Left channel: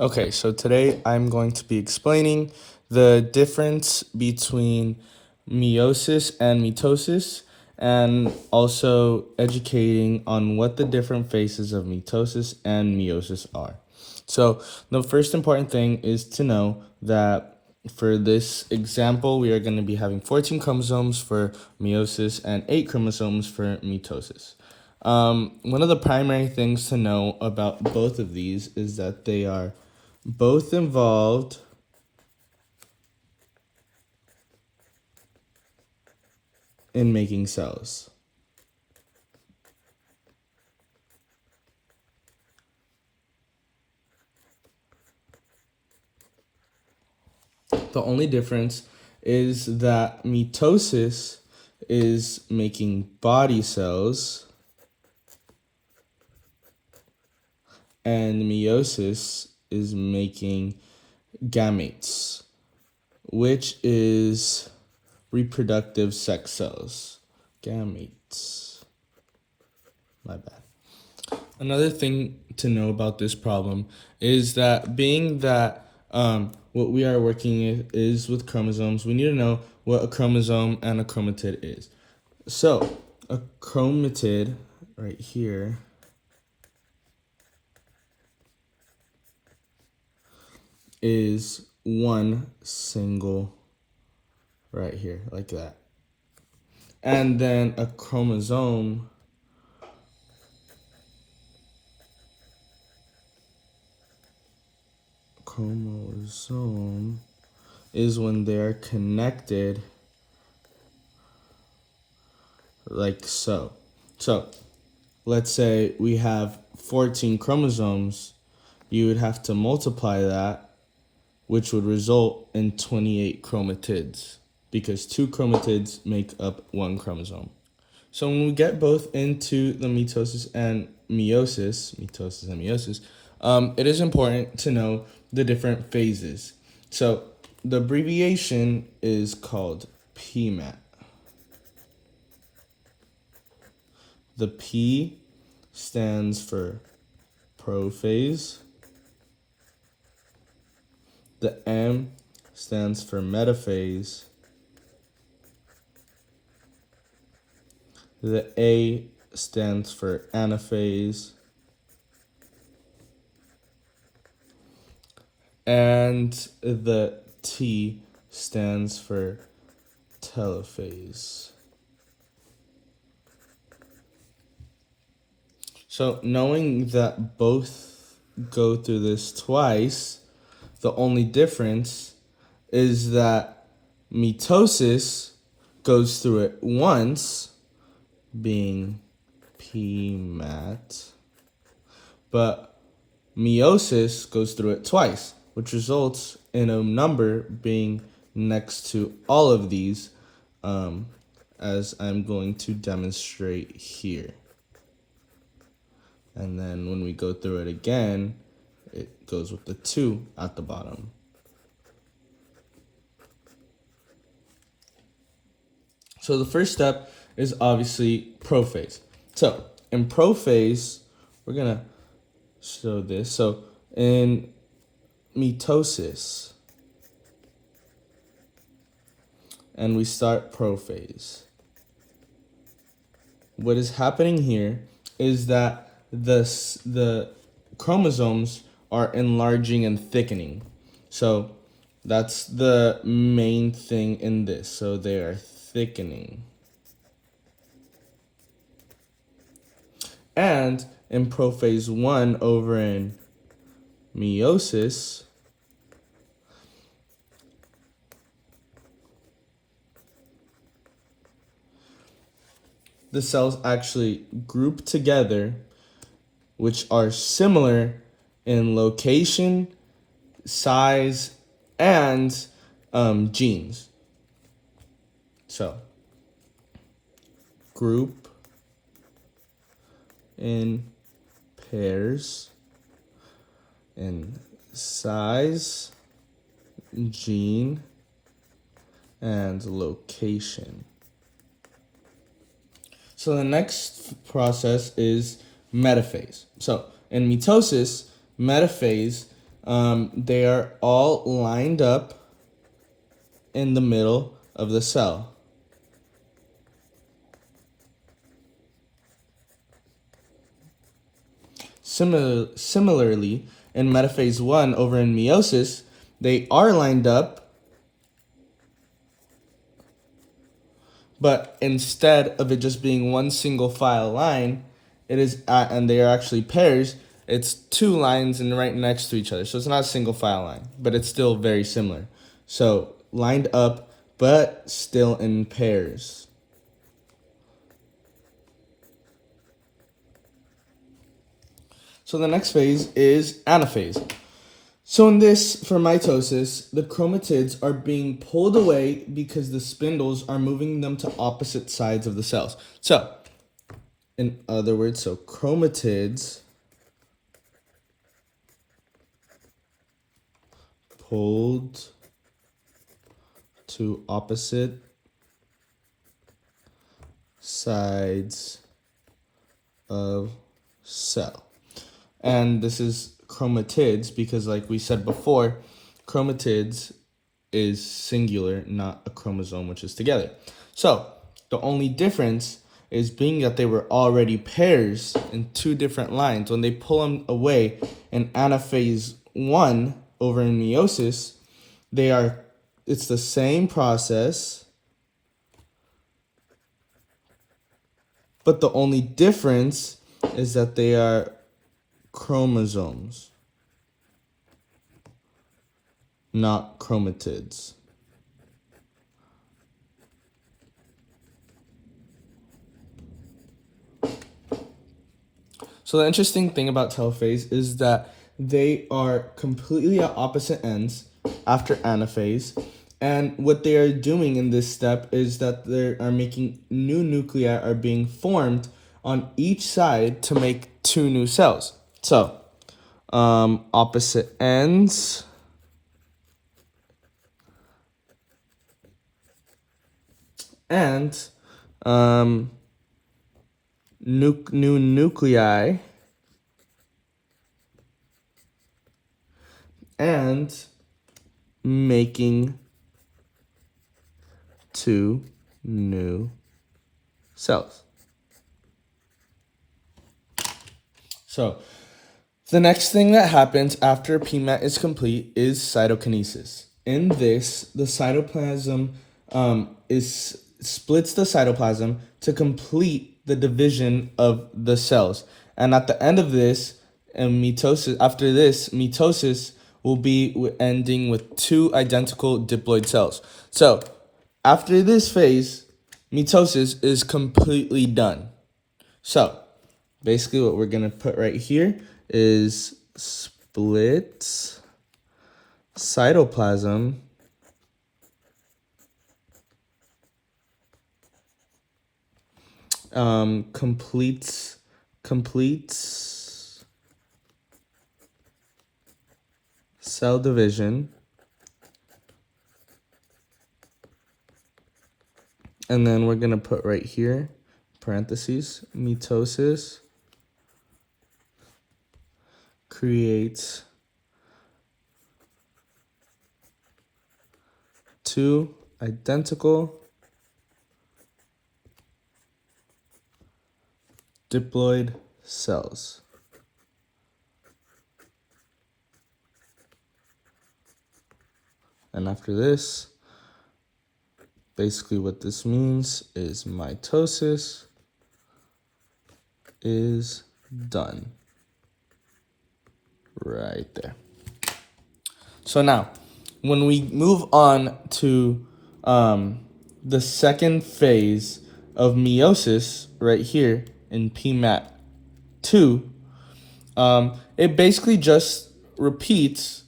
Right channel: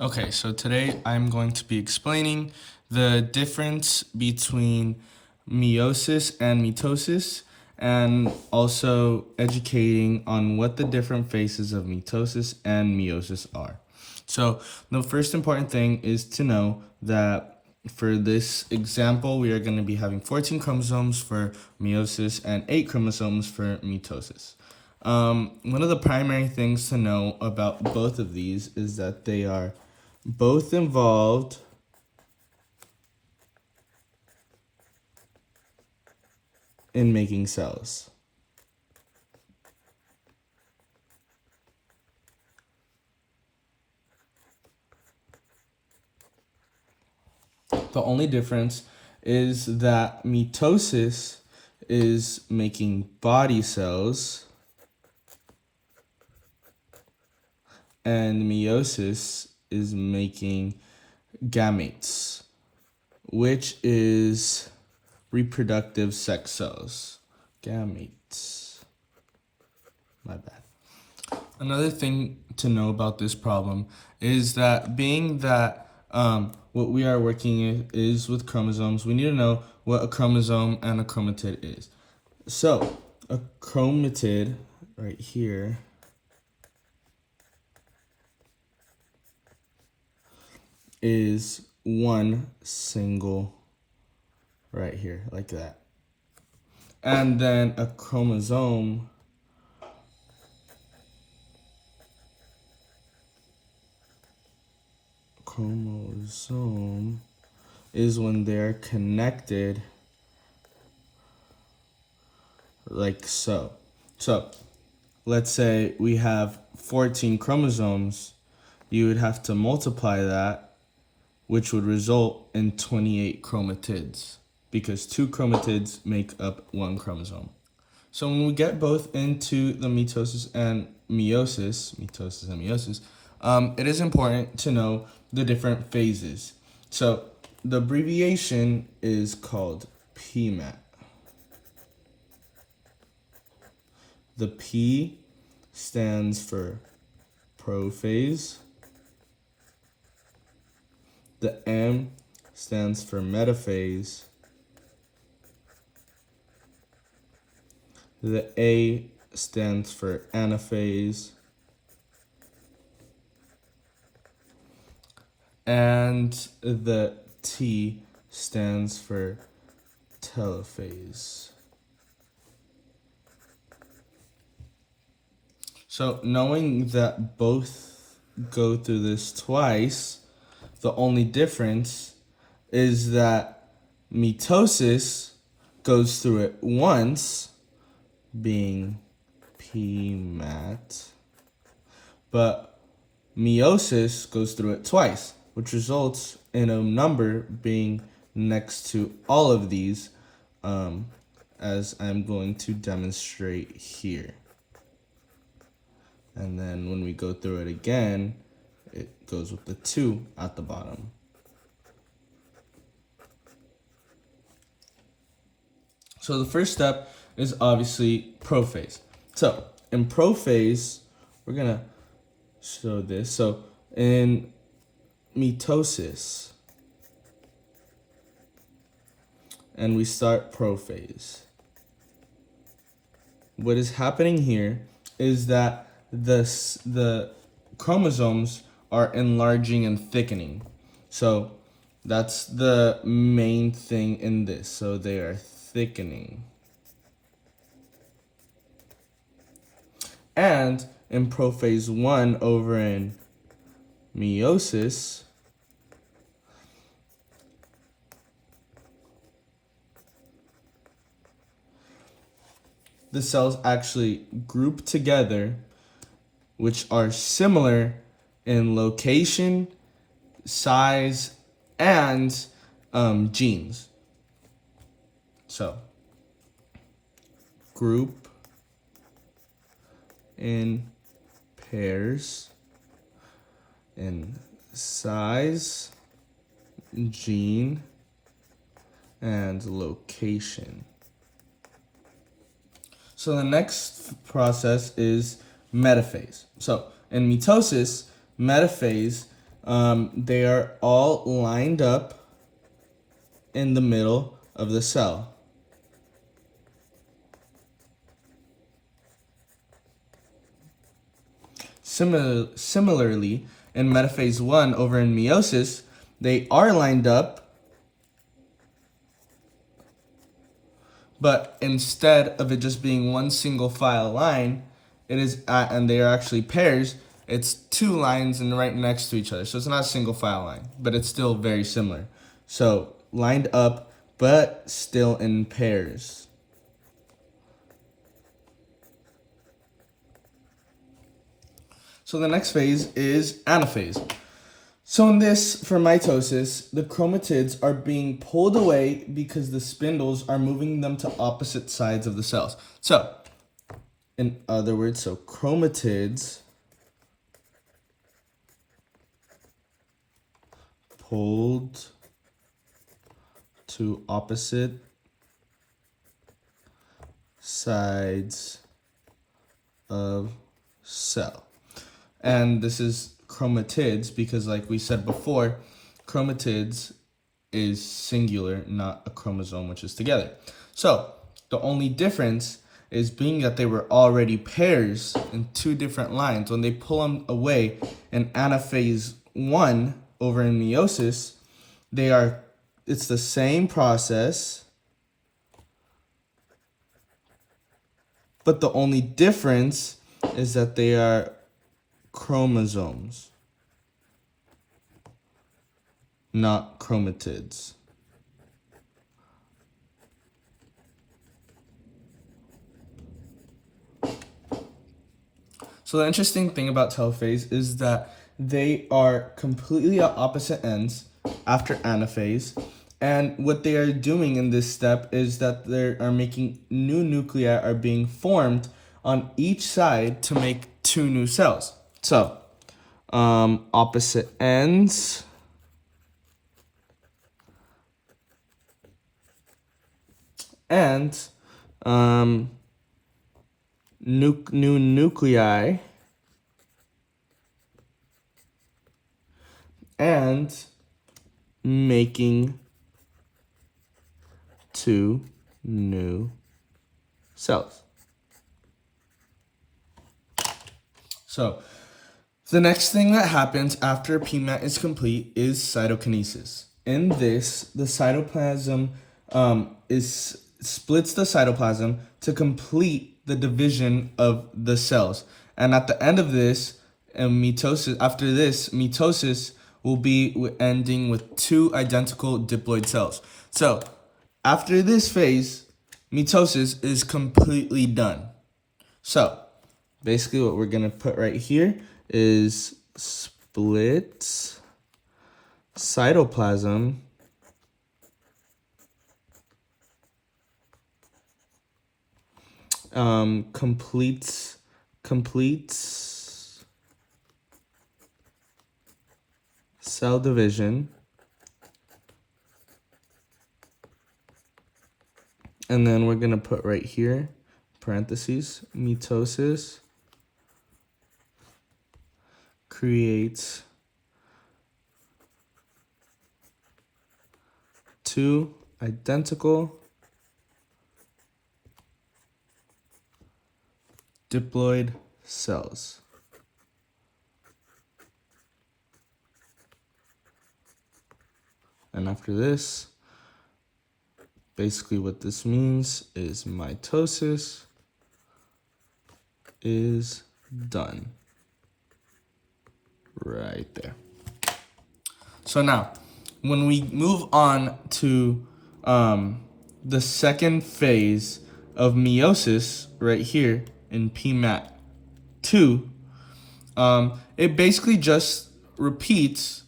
Okay, so today I'm going to be explaining the difference between meiosis and mitosis, and also educating on what the different phases of mitosis and meiosis are. So the first important thing is to know that for this example, we are going to be having 14 chromosomes for meiosis and 8 chromosomes for mitosis. One of the primary things to know about both of these is that they are both involved in making cells. The only difference is that mitosis is making body cells and meiosis is making gametes, which is reproductive sex cells. Gametes. My bad. Another thing to know about this problem is that being that what we are working is with chromosomes, we need to know what a chromosome and a chromatid is. So a chromatid right here is one single right here, like that. And then a chromosome is when they're connected like so. So let's say we have 14 chromosomes, you would have to multiply that, which would result in 28 chromatids, because 2 chromatids make up 1 chromosome. So when we get both into the mitosis and meiosis, it is important to know the different phases. So the abbreviation is called PMAT. The P stands for prophase. The M stands for metaphase. The A stands for anaphase. And the T stands for telophase. So knowing that both go through this twice, the only difference is that mitosis goes through it once, being PMAT, but meiosis goes through it twice, which results in a number being next to all of these, as I'm going to demonstrate here. And then when we go through it again, it goes with the 2 at the bottom. So the first step is obviously prophase. So in prophase, we're going to show this. So in mitosis, and we start prophase, what is happening here is that the chromosomes are enlarging and thickening. So that's the main thing in this. So they are thickening. And in prophase 1 over in meiosis, the cells actually group together, which are similar in location, size, and genes. So, group in pairs in size, gene, and location. So the next process is metaphase. So in mitosis, metaphase they are all lined up in the middle of the cell. Similarly, in metaphase 1 over in meiosis, they are lined up, but instead of it just being one single file line, it is and they are actually pairs. It's two lines and right next to each other. So it's not a single file line, but it's still very similar. So lined up, but still in pairs. So the next phase is anaphase. So in this, for mitosis, the chromatids are being pulled away because the spindles are moving them to opposite sides of the cells. So, in other words, so chromatids pulled to opposite sides of cell. And this is chromatids because, like we said before, chromatids is singular, not a chromosome, which is together. So the only difference is being that they were already pairs in two different lines. When they pull them away in anaphase 1 over in meiosis, it's the same process, but the only difference is that they are chromosomes, not chromatids. So the interesting thing about telophase is that they are completely at opposite ends after anaphase. And what they are doing in this step is that they are making new nuclei are being formed on each side to make two new cells. So, opposite ends. And new nuclei and making two new cells. So the next thing that happens after PMAT is complete is cytokinesis. In this, the cytoplasm splits the cytoplasm to complete the division of the cells. And at the end of this, mitosis will be ending with two identical diploid cells. So after this phase, mitosis is completely done. So basically what we're going to put right here is split cytoplasm completes cell division, and then we're going to put right here parentheses mitosis creates two identical diploid cells. And after this, basically what this means is mitosis is done. Right there. So now, when we move on to the second phase of meiosis right here in PMAT 2, it basically just repeats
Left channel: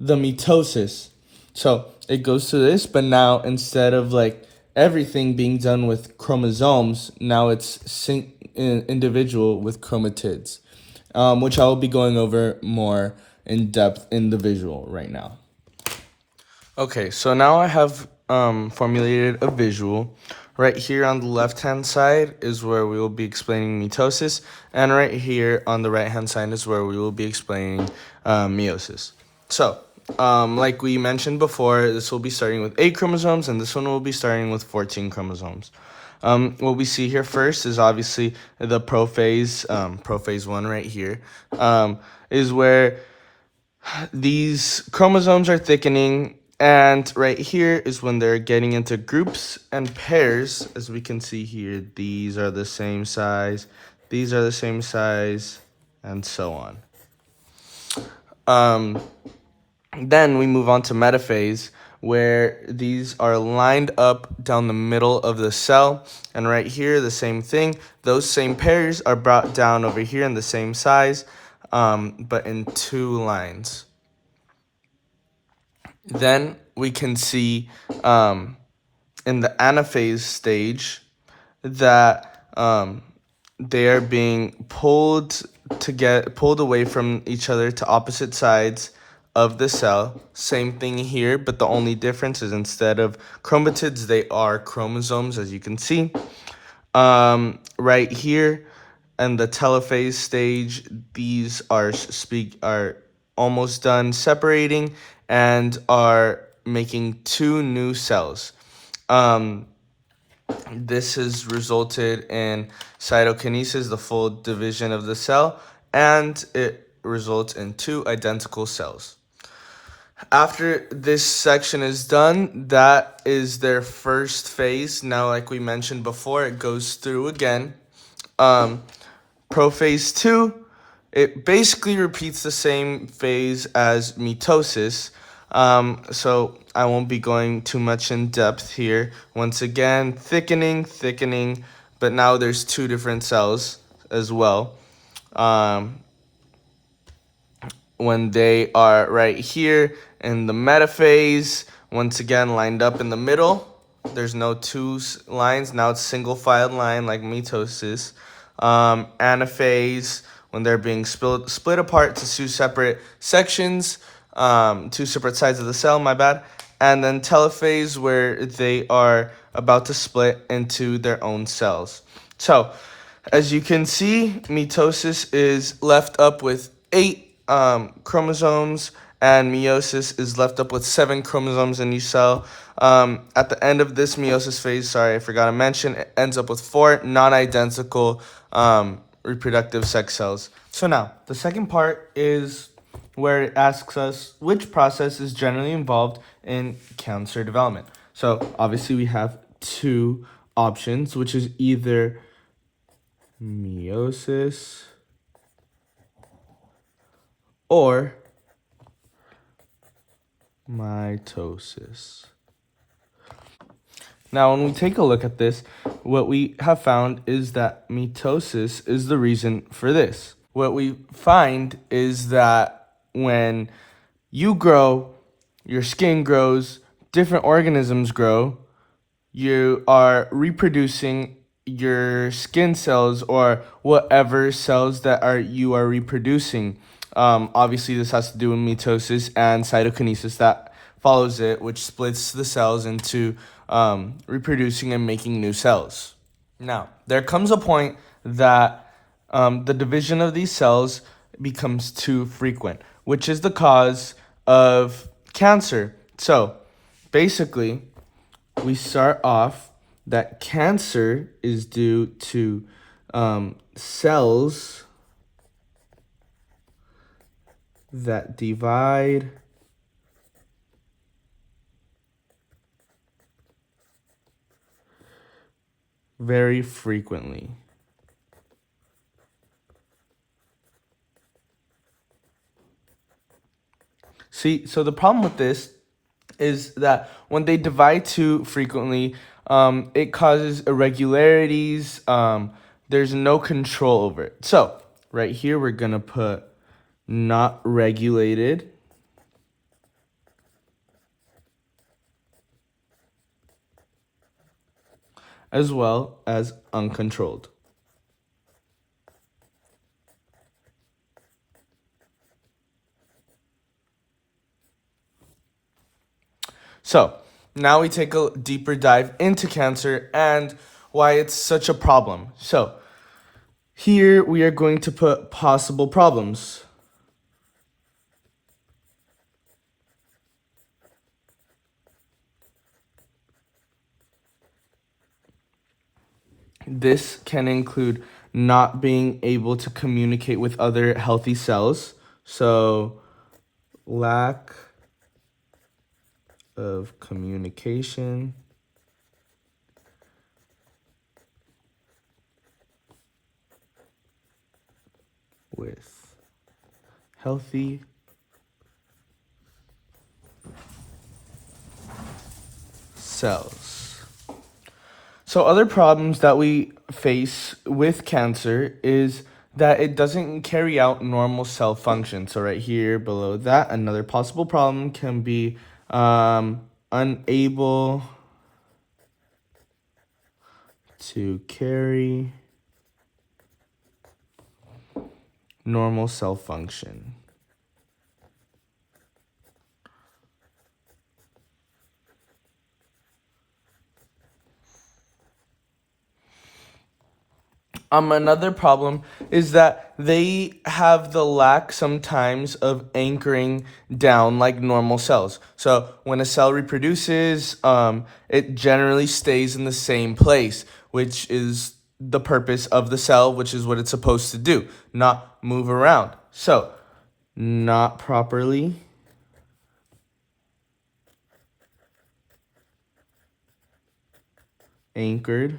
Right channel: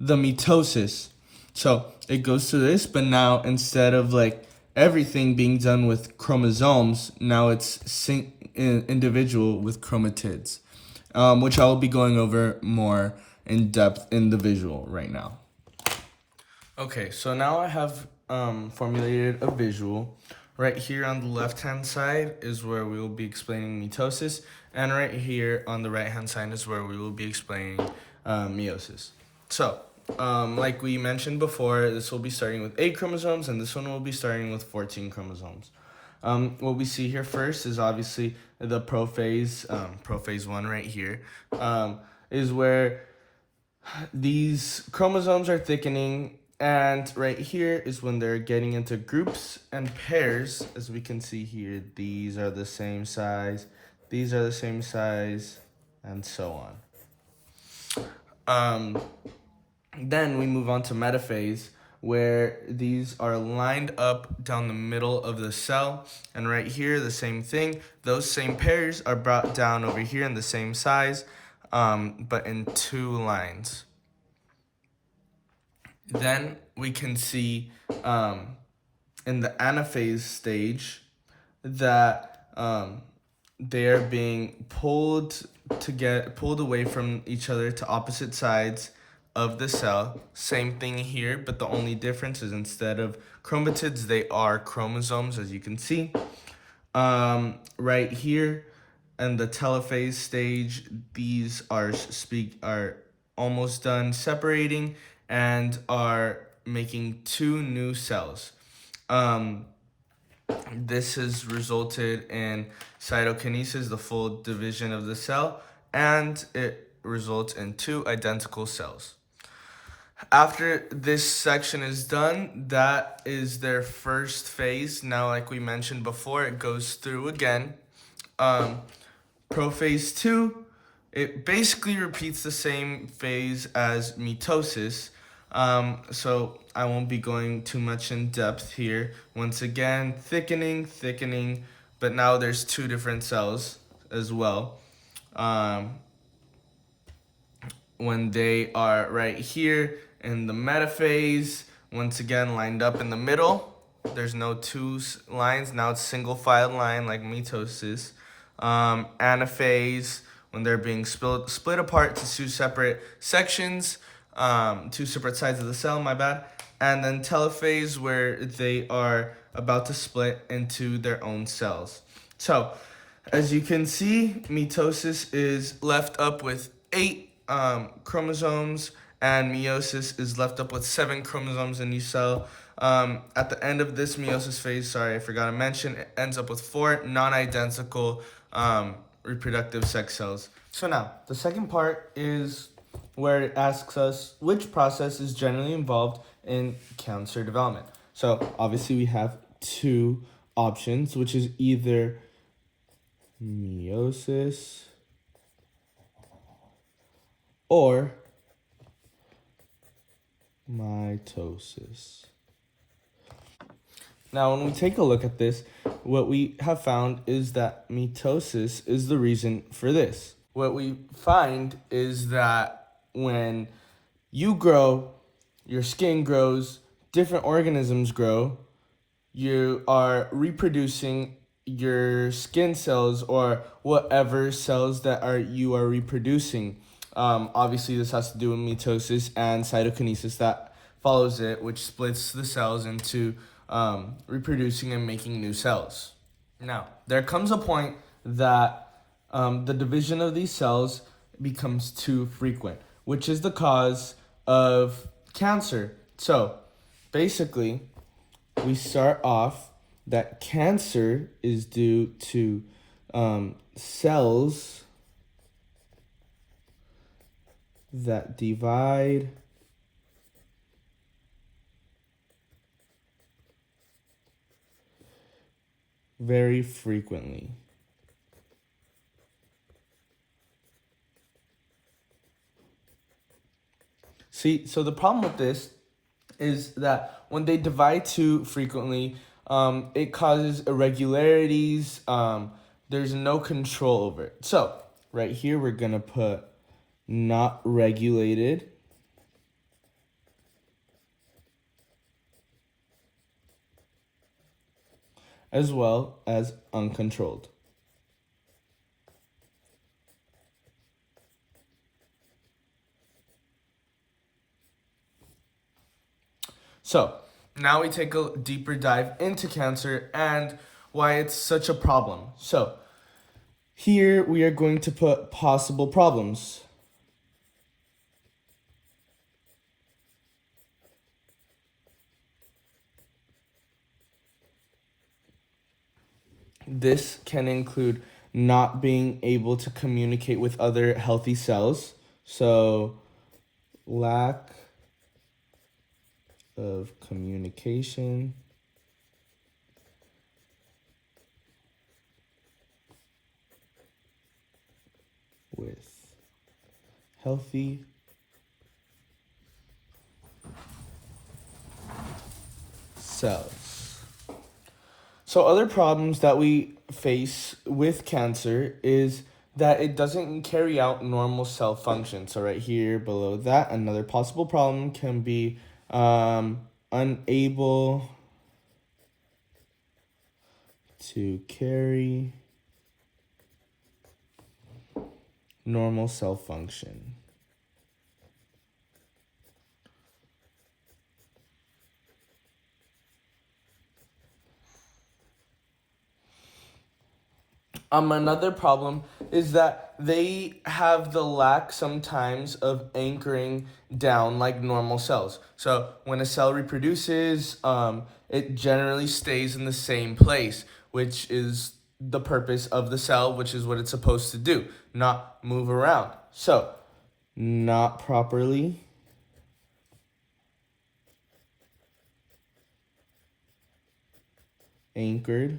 the mitosis. So it goes to this, but now instead of like everything being done with chromosomes, now it's individual with chromatids, which I will be going over more in depth in the visual right now. Okay, so now I have formulated a visual. Right here on the left-hand side is where we will be explaining mitosis, and right here on the right-hand side is where we will be explaining meiosis. So, like we mentioned before, this will be starting with 8 chromosomes, and this one will be starting with 14 chromosomes. What we see here first is obviously the prophase, prophase 1 right here, is where these chromosomes are thickening, and right here is when they're getting into groups and pairs. As we can see here, these are the same size, these are the same size, and so on. Then we move on to metaphase, where these are lined up down the middle of the cell. And right here, the same thing. Those same pairs are brought down over here in the same size, but in 2 lines. Then we can see in the anaphase stage that they are being pulled away from each other to opposite sides of the cell. Same thing here, but the only difference is instead of chromatids, they are chromosomes, as you can see. Right here in the telophase stage, these are almost done separating and are making 2 new cells. This has resulted in cytokinesis, the full division of the cell, and it results in 2 identical cells. After this section is done, that is their first phase. Now, like we mentioned before, it goes through again. Prophase 2, it basically repeats the same phase as mitosis. So I won't be going too much in depth here. Once again, thickening, but now there's 2 different cells as well. When they are right here in the metaphase, once again lined up in the middle. There's no 2 lines, now it's single filed line like mitosis. Anaphase, when they're being split apart to 2 separate sections, 2 separate sides of the cell, my bad. And then telophase, where they are about to split into their own cells. So, as you can see, mitosis is left up with 8 chromosomes, and meiosis is left up with 7 chromosomes in each cell. At the end of this meiosis phase, sorry, I forgot to mention, it ends up with 4 non-identical reproductive sex cells. So now, the second part is where it asks us which process is generally involved in cancer development. So obviously we have 2 options, which is either meiosis or mitosis. Now, when we take a look at this, what we have found is that mitosis is the reason for this. What we find is that when you grow, your skin grows, different organisms grow, you are reproducing your skin cells or whatever cells that you are reproducing. Obviously, this has to do with mitosis and cytokinesis that follows it, which splits the cells into reproducing and making new cells. Now, there comes a point that the division of these cells becomes too frequent, which is the cause of cancer. So, basically, we start off that cancer is due to cells that divide very frequently. See, so the problem with this is that when they divide too frequently, it causes irregularities. There's no control over it. So right here, we're going to put not regulated. As well as uncontrolled. So now we take a deeper dive into cancer and why it's such a problem. So here we are going to put possible problems. This can include not being able to communicate with other healthy cells. So, lack of communication with healthy cells. So other problems that we face with cancer is that it doesn't carry out normal cell function. So right here below that, another possible problem can be unable to carry normal cell function. Another problem is that they have the lack sometimes of anchoring down like normal cells. So when a cell reproduces, it generally stays in the same place, which is the purpose of the cell, which is what it's supposed to do, not move around. So not properly anchored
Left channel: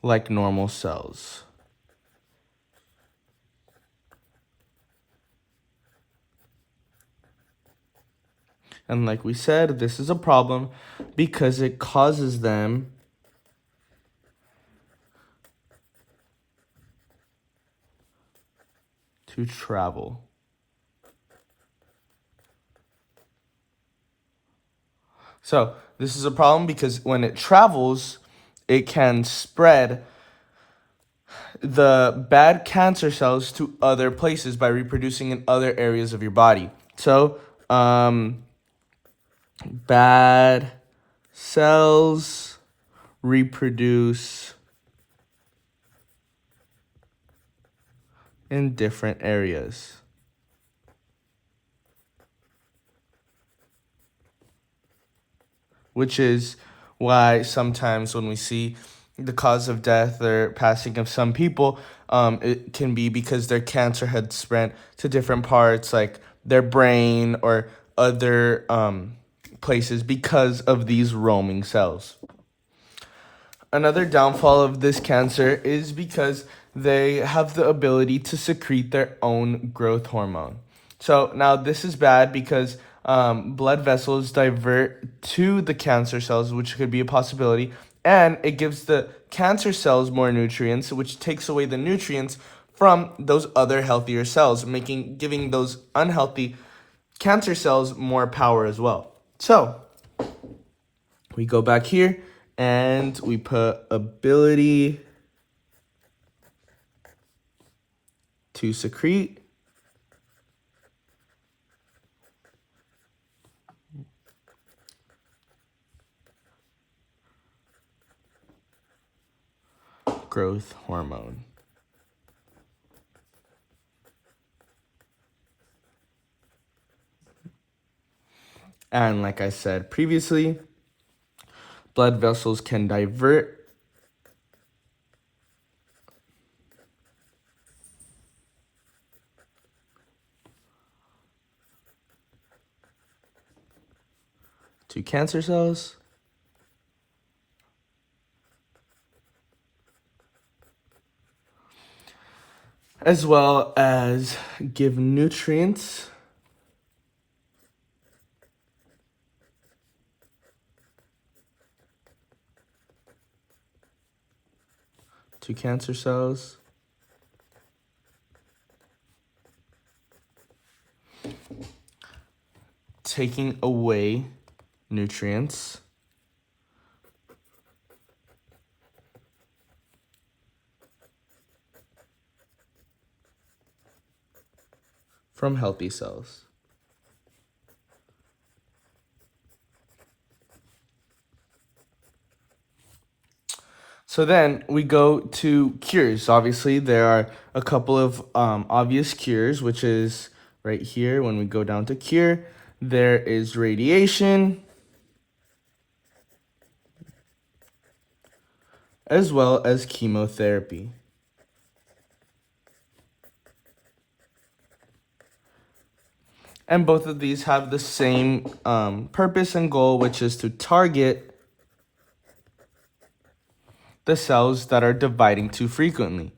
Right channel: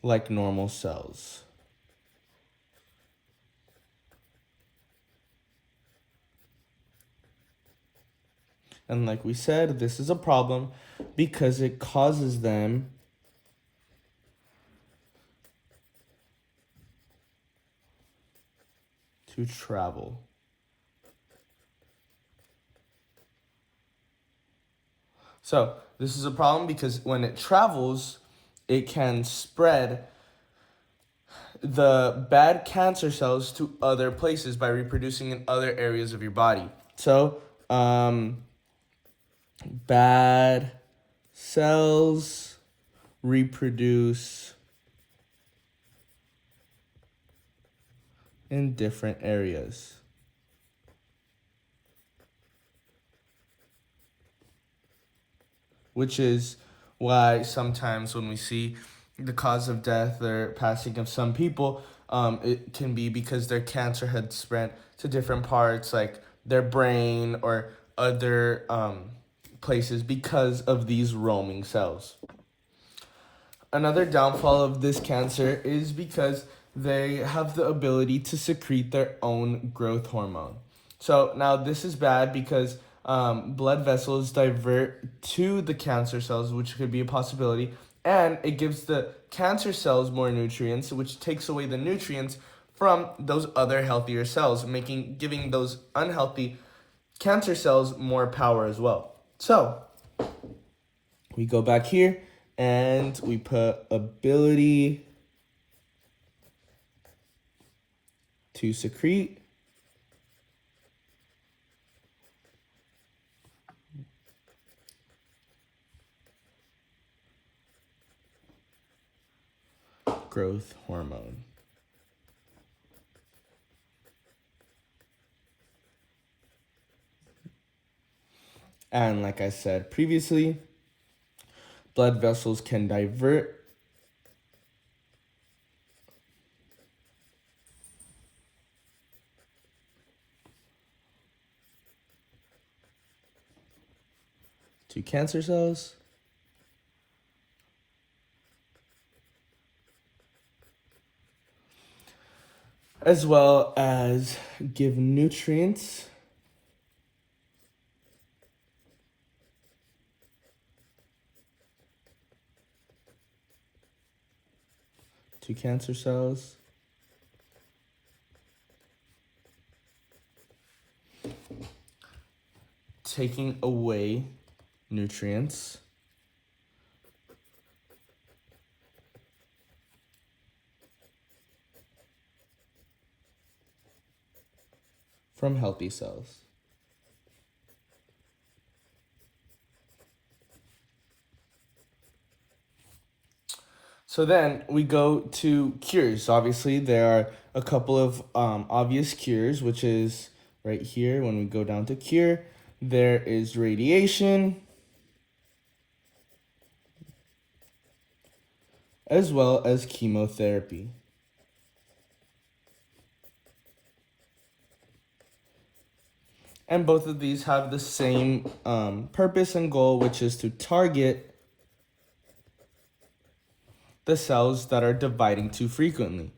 like normal cells. And like we said, this is a problem because it causes them to travel. So this is a problem because when it travels, it can spread the bad cancer cells to other places by reproducing in other areas of your body. So, bad cells reproduce in different areas. Which is why sometimes when we see the cause of death or passing of some people, it can be because their cancer had spread to different parts, like their brain or other places because of these roaming cells. Another downfall of this cancer is because they have the ability to secrete their own growth hormone. So now this is bad because blood vessels divert to the cancer cells, which could be a possibility, and it gives the cancer cells more nutrients, which takes away the nutrients from those other healthier cells, giving those unhealthy cancer cells more power as well. So we go back here and we put ability to secrete growth hormone. And like I said previously, blood vessels can divert to cancer cells as well as give nutrients to cancer cells taking away nutrients from healthy cells. So then we go to cures. Obviously, there are a couple of obvious cures, which is right here. When we go down to cure, there is radiation, as well as chemotherapy. And both of these have the same purpose and goal, which is to target the cells that are dividing too frequently.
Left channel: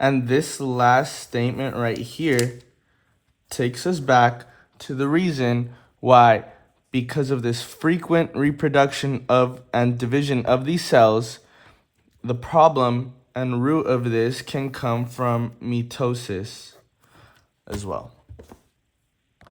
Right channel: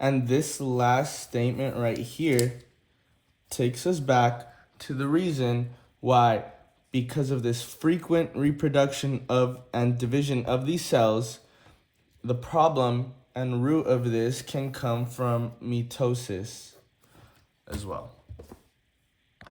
And this last statement right here takes us back to the reason why, because of this frequent reproduction of and division of these cells, the problem and root of this can come from mitosis as well.